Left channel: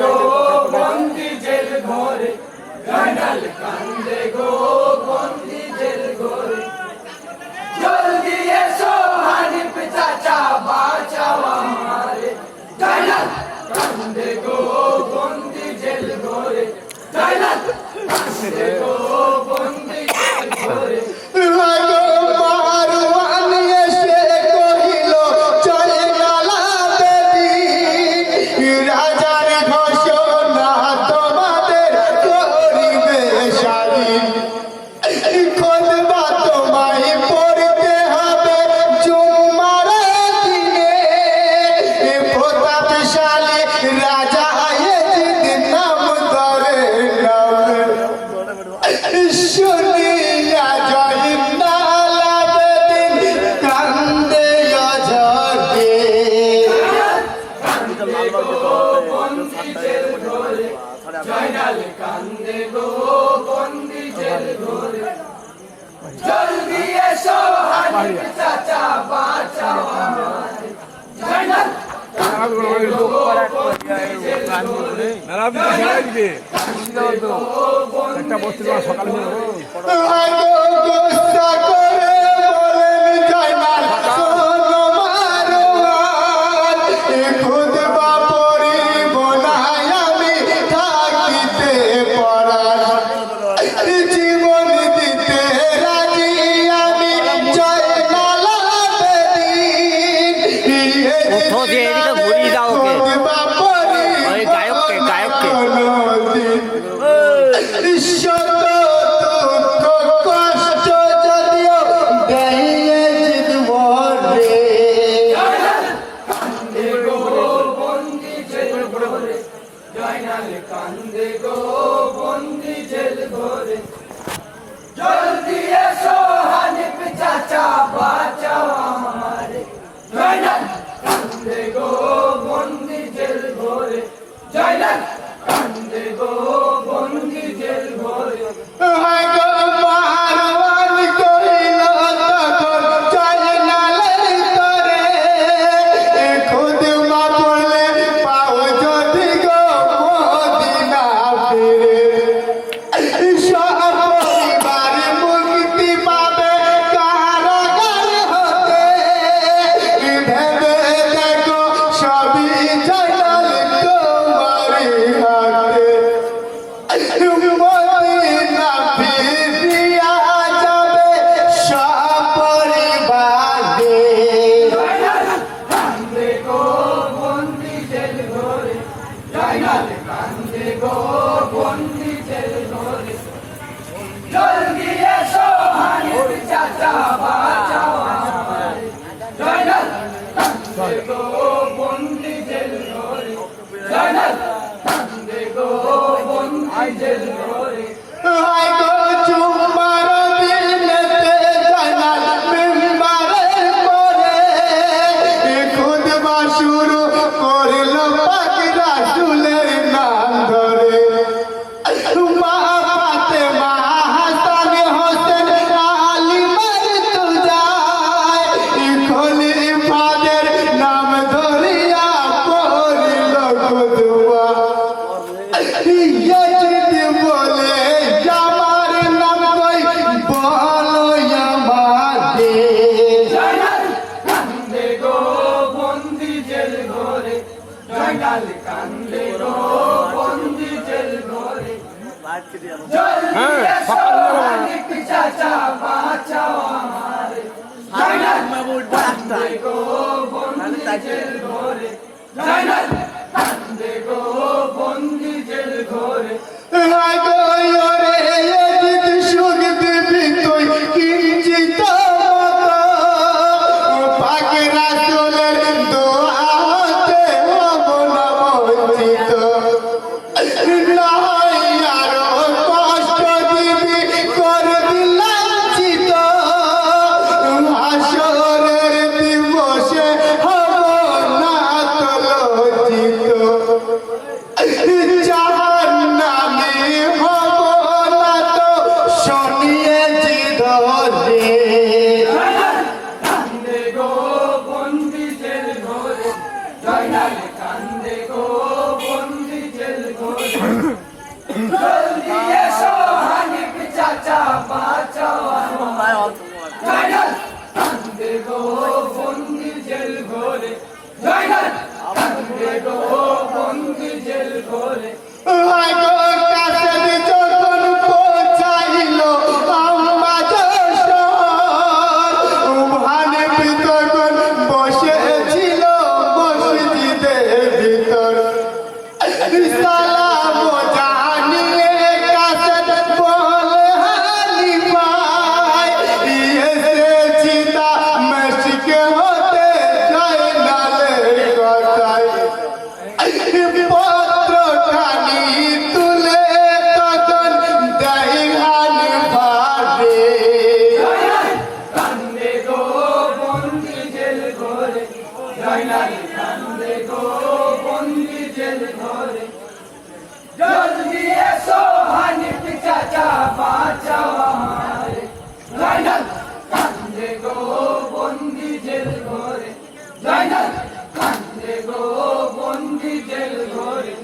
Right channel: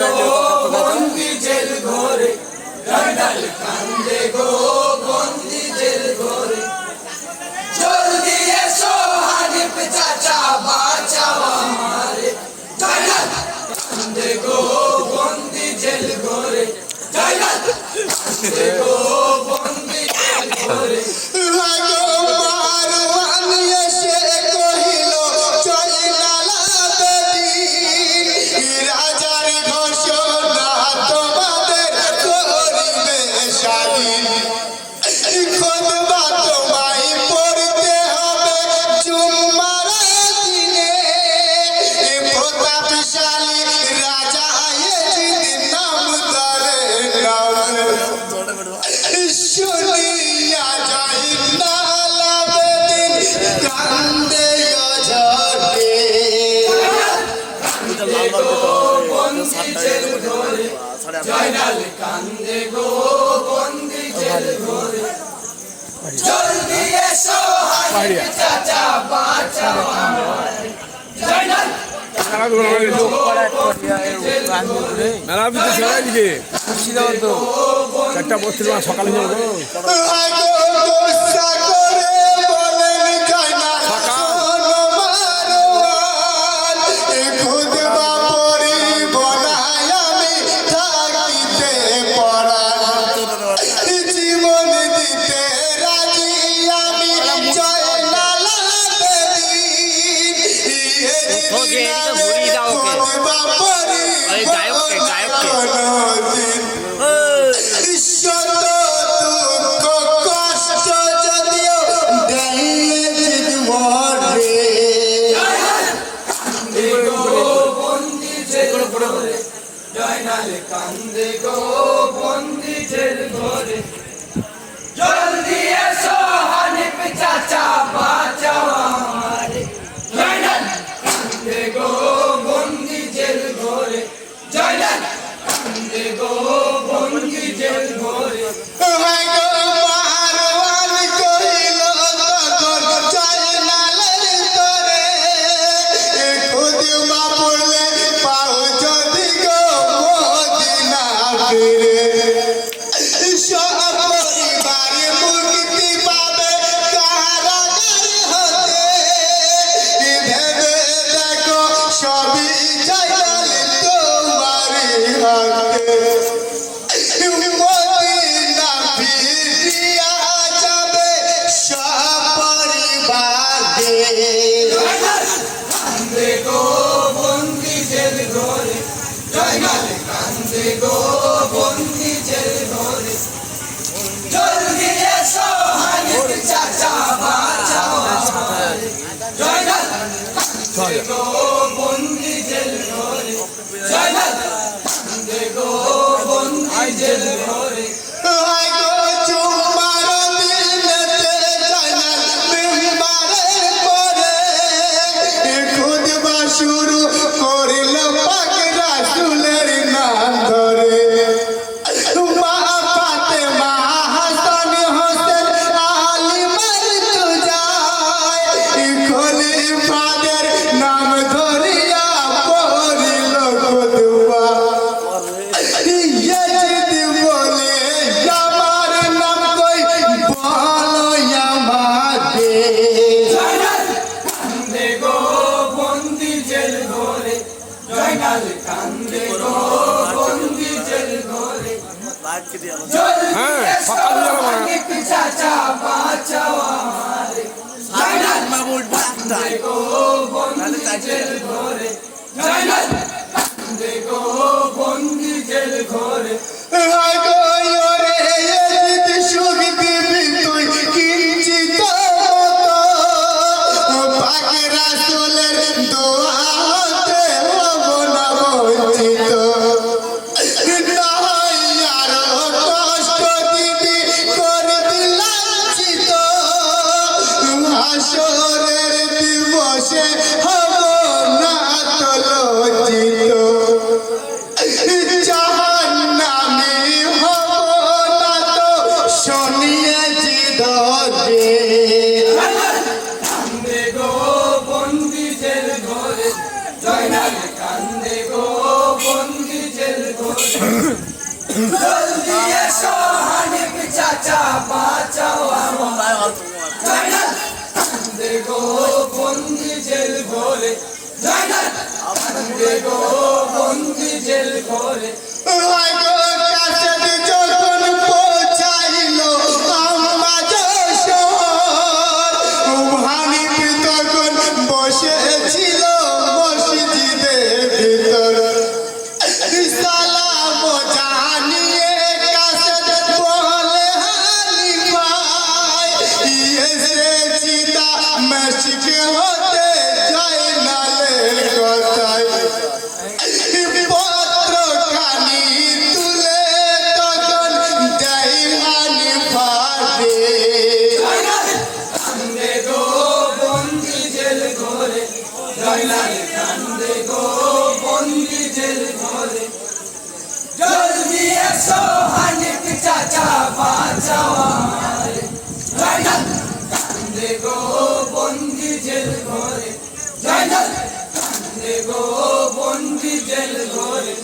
গো বন্দি জেল ঘরে, জয়নাল কান্দে গো বন্দি জেল ঘরে। জলদি এসো হানিফ চাচা বাঁচাও আমারে, জয়নাল কান্দে গো বন্দি জেল ঘরে, জয়নাল কান্দে গো বন্দি জেল ঘরে। জয়নাল কান্দে গো বন্দি জেল ঘরে, জলদি এসো হানিফ চাচা বাঁচাও আমারে, জয়নাল কান্দে গো বন্দি জেল ঘরে। সকালে এদিকে ঘুরিয়ে দাও ওকে, ওই গায়ককে গায়ককে। জয়নাল কান্দে গো বন্দি জেল ঘরে, জলদি এসো হানিফ চাচা বাঁচাও আমারে, জয়নাল কান্দে গো বন্দি জেল ঘরে, জয়নাল কান্দে গো বন্দি জেল ঘরে। জয়নাল কান্দে গো বন্দি জেল ঘরে, জলদি এসো হানিফ চাচা বাঁচাও আমারে, জয়নাল কান্দে গো বন্দি জেল ঘরে, জয়নাল কান্দে গো বন্দি জেল ঘরে। জয়নাল কান্দে গো বন্দি জেল ঘরে, জলদি এসো হানিফ চাচা বাঁচাও আমারে, জয়নাল কান্দে গো বন্দি জেল ঘরে, জয়নাল কান্দে গো বন্দি জেল ঘরে। জয়নাল কান্দে গো বন্দি জেল জলদি এসো হানিফ চাচা বাঁচাও আমায় জয়নাল কান্দে গো বন্দি জেল ঘরে জয়নাল কান্দে গো বন্দি জেল ঘরে জয়নাল কান্দে গো বন্দি জেল ঘরে জলদি এসো হানিফ চাচা বাঁচাও আমারে জয়নাল কান্দে গো বন্দি জেল ঘরে জয়নাল কান্দে গো বন্দি জেল ঘরে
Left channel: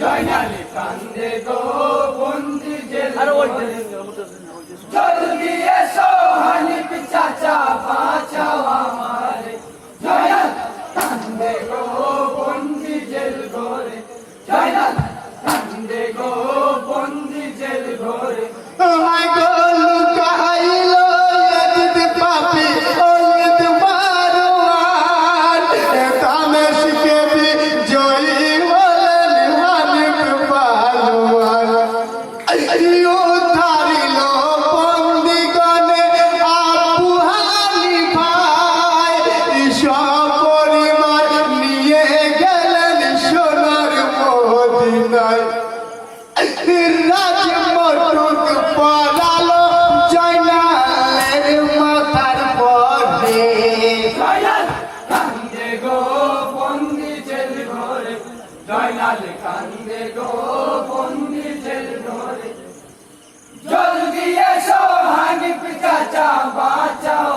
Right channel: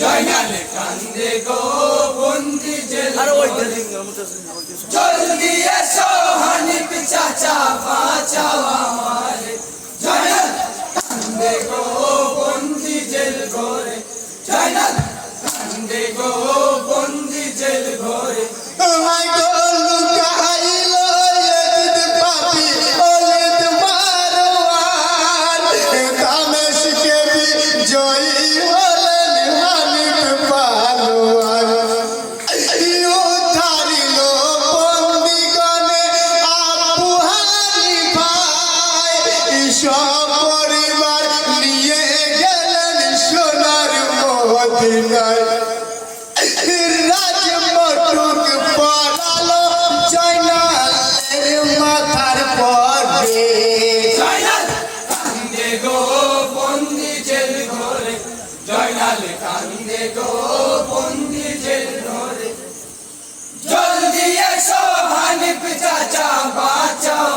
জয়নাল কান্দে গো বন্দি জেল ঘরে জলদি এসো হানিফ চাচা বাঁচাও আমারে জয়নাল কান্দে গো বন্দি জেল ঘরে জয়নাল কান্দে গো বন্দি জেল ঘরে জয়নাল কান্দে গো বন্দি জেল ঘরে জলদি এসো হানিফ চাচা বাঁচাও